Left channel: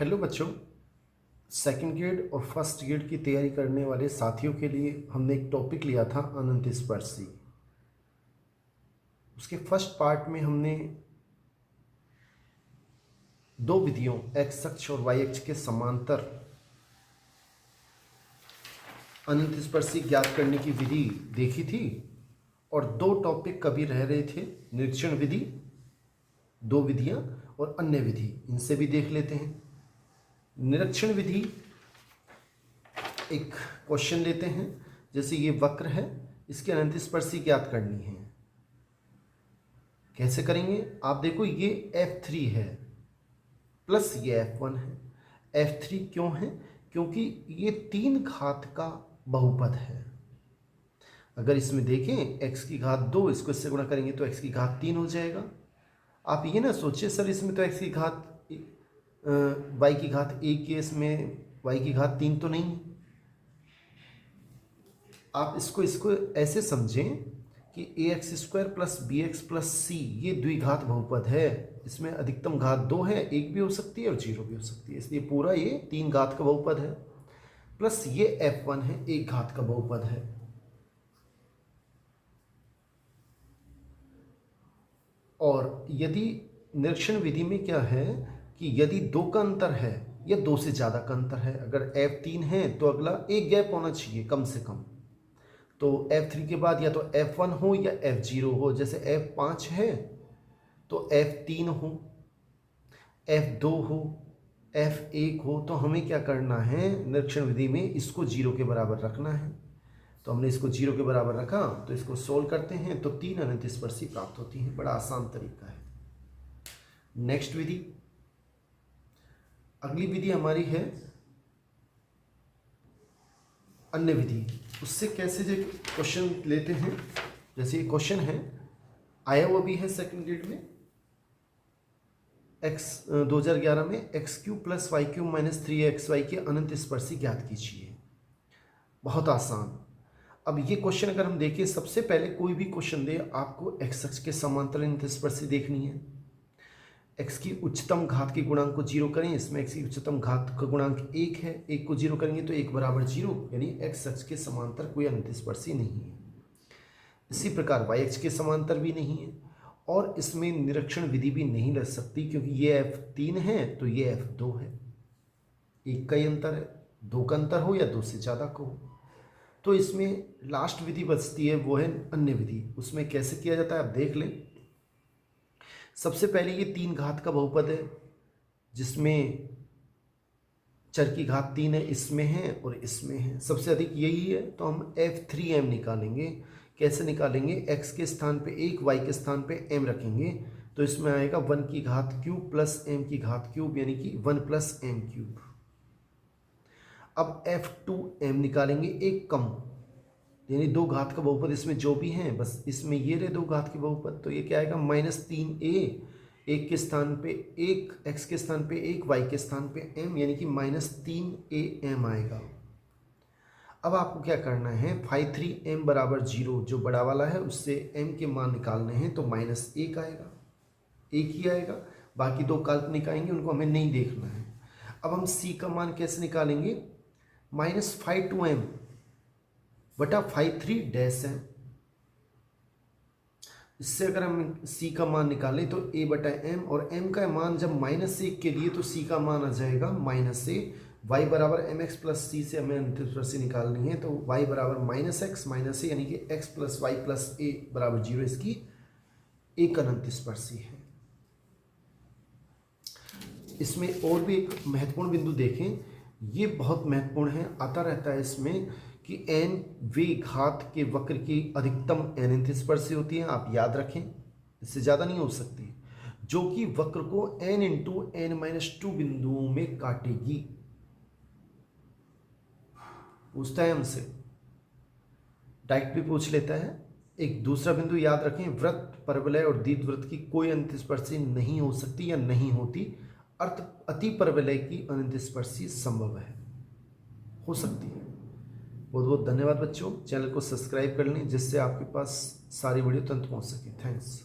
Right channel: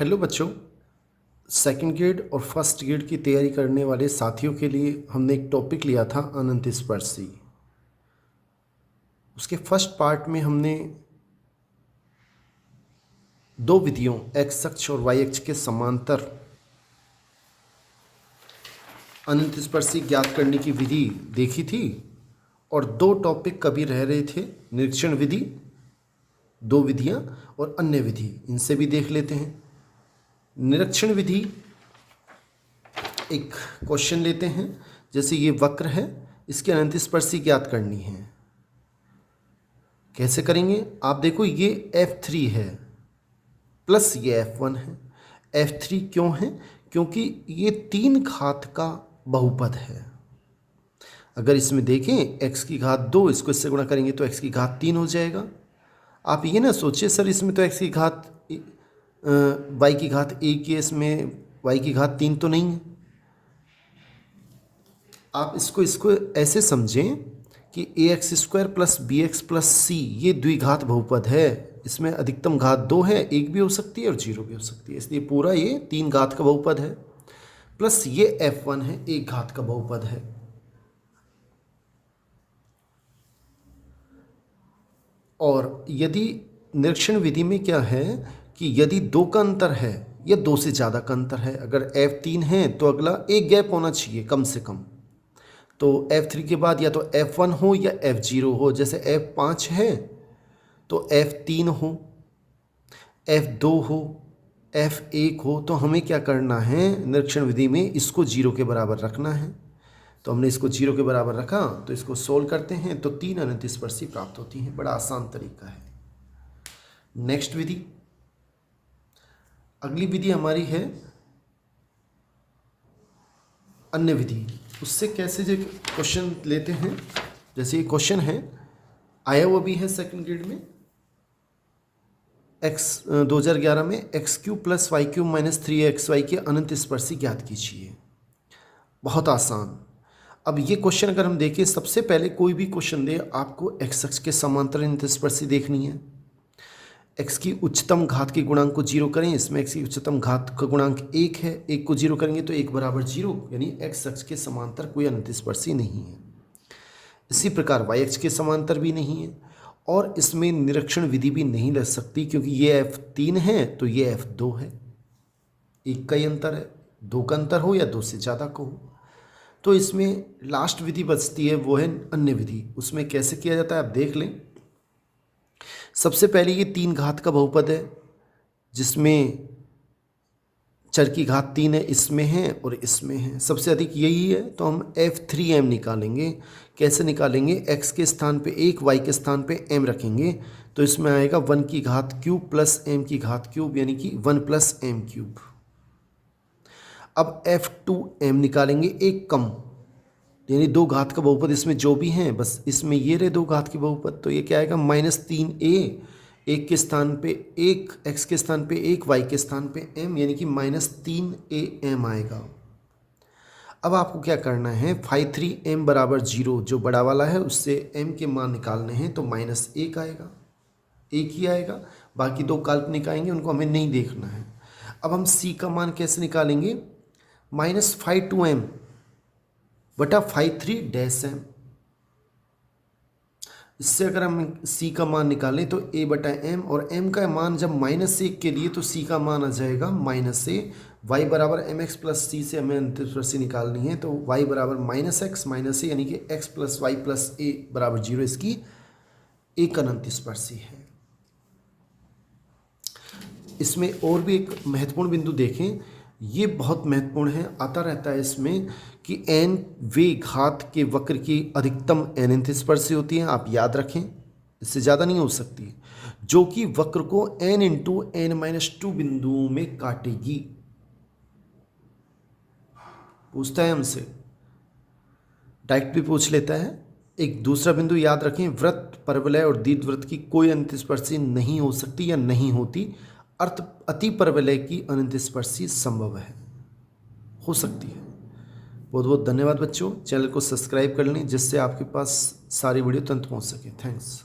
Hello बच्चों। Second grade और first grade की तैयारी करने वाले साथियों के लिए हमने एक टॉपिक लिया था अनंत स्पर्शी। उसके फर्स्ट पार्ट में हमने दो विधियों एक्स अक्ष और वाई अक्ष के समांतर अनंत स्पर्शी ज्ञात करने की विधि देखी थी और दो टॉपिक कभी रह रहे थे, निरीक्षण विधि, दो विधियां और अन्य विधि, इनसे भी देख लेते हैं। निरीक्षण विधि एक क्वेश्चन लेते हैं, जैसे ये वक्र है, इसके अनंत स्पर्शी ज्ञात करनी है। कैसे करेंगे आप देखो, ये F3 है प्लस ये F1 है। F3 क्यों है? क्योंकि ये 3 घात का बहुपद है। अगर इसमें देखें x की घात 2, इसको इससे गुणा करेंगे तो x की घात 3 हो जाएगा। आप ये ना सोचिए सर इसमें तो x की घात y की घात 1 है, इसमें y की घात 3 तो नहीं है। आप इसको ऐसे समझें कि ax² plus bx plus c ये द्विघात बहुपद है। इसमें अधिकतम घात 2 है, 1 भी हो सकती है और 0 भी हो सकती है, इसलिए पूरा ये 3 घात का बहुपद है। प्लस ये f1 है, 1 घात का बहुपद है। और यदि निरीक्षण विधि में क्या है कि यदि 2 का अंतर है या 2 से ज़्यादा का अंतर है, अगर F3 है तो अगला एक गैप होना चाहिए कम से कम। तो F3 के बाद या तो F1 हो या F0 हो। जैसे F5 है तो F3 हो, F2 हो, F1 हो। तो हमें क्या करना है, निरीक्षण विधि में इसको 0 के बराबर रखना है। तो हमने इसको 0 के बराबर रखा, तो इसको सोल्व करते हैं तो 3 अनंत स्पर्शी प्राप्त होती हैं। बड़ा आसान तरीका है। नेक्स्ट विधि, अगली विधि हमारी है अन्य विधि। उससे कैसे जो क्वेश्चन लेते हैं, जैसे ये क्वेश्चन है, आया हुआ भी है सेकंड ग्रेड में, 2011 में x³ plus y³ minus 3xy के अनंत स्पर्शी ज्ञात कीजिए। बहुत आसान। अब ये क्वेश्चन अगर हम देखें, सबसे पहले कोई भी क्वेश्चन दे आपको x अक्ष के समांतर अनंत स्पर्शी देखनी है। x की उच्चतम घात के गुणांक को 0 करें, इसमें x की उच्चतम घात का गुणांक 1 है, 1 को 0 करेंगे तो 1 बराबर 0, यानी x अक्ष के समांतर कोई अनंत स्पर्शी नहीं है। इसी प्रकार y अक्ष के समांतर भी नहीं है और इसमें निरीक्षण विधि भी नहीं लग सकती, क्योंकि ये F3 है तो ये F2 है, 1 का ही अंतर है, 2 का अंतर हो या 2 से ज़्यादा का हो। तो इसमें लास्ट विधि बचती है, वो है अन्य विधि। उसमें कैसे किया जाता है आप देख लें। सबसे पहले ये 3 घात का बहुपद है, जिसमें चर की घात 3 है, इसमें है और इसमें है, सबसे अधिक यही है। तो हम F3m निकालेंगे। कैसे निकालेंगे, x के स्थान पे 1, y के स्थान पे m रखेंगे, तो इसमें आएगा 1 की घात क्यूब प्लस m की घात क्यूब, यानी कि 1 प्लस m क्यूब। अब F2m निकालेंगे, एक कम, यानी 2 घात का बहुपद इसमें जो भी हैं, बस इसमें ये रहे 2 घात के बहुपद। तो ये क्या आएगा, -3a, 1 के स्थान पे 1, x के स्थान पे 1, y के स्थान पे m, यानी कि -3am आएगा। अब आपको क्या करना है, φ3m बराबर 0 जो बड़ा वाला है उससे m के मान निकालने हैं, तो -1 आएगा, 1 ही आएगा। बाकी 2 काल्पनिक आएंगे, उनको हमें नहीं देखना है। अब हम c का मान कैसे निकालेंगे, -φ2m बटा φ3-m। इससे अगर हम c का मान निकालें तो a बटा m, और m का मान जब -1 के लिए तो c का मान आ जाएगा -a। y बराबर mx प्लस c से हमें अनंत स्पर्शी निकालनी है, तो y बराबर -x माइनस a, यानी कि x plus y plus a बराबर 0, इसकी एक अनंत स्पर्शी है। इसमें और भी एक महत्वपूर्ण बिंदु देखें, ये बहुत महत्वपूर्ण है, आता रहता है इसमें कि n वे घात के वक्र की अधिकतम अनंत स्पर्शी होती है। आप याद रखें, इससे ज़्यादा नहीं हो सकती, जो कि वक्र को n इंटू n-2 बिंदुओं में काटेगी। पूछता है हमसे, डायरेक्ट भी पूछ लेता है। एक दूसरा बिंदु याद रखें, वृत्त, परवलय और दीर्घवृत्त की कोई अनंत स्पर्शी नहीं हो सकती या नहीं होती। अर्थ अति परवलय की अनंत स्पर्शी संभव है, हो सकती है। बहुत बहुत धन्यवाद बच्चों। चैनल को सब्सक्राइब कर लें, जिससे आपके पास सारी वीडियो तुरंत पहुंच सके। थैंक्स।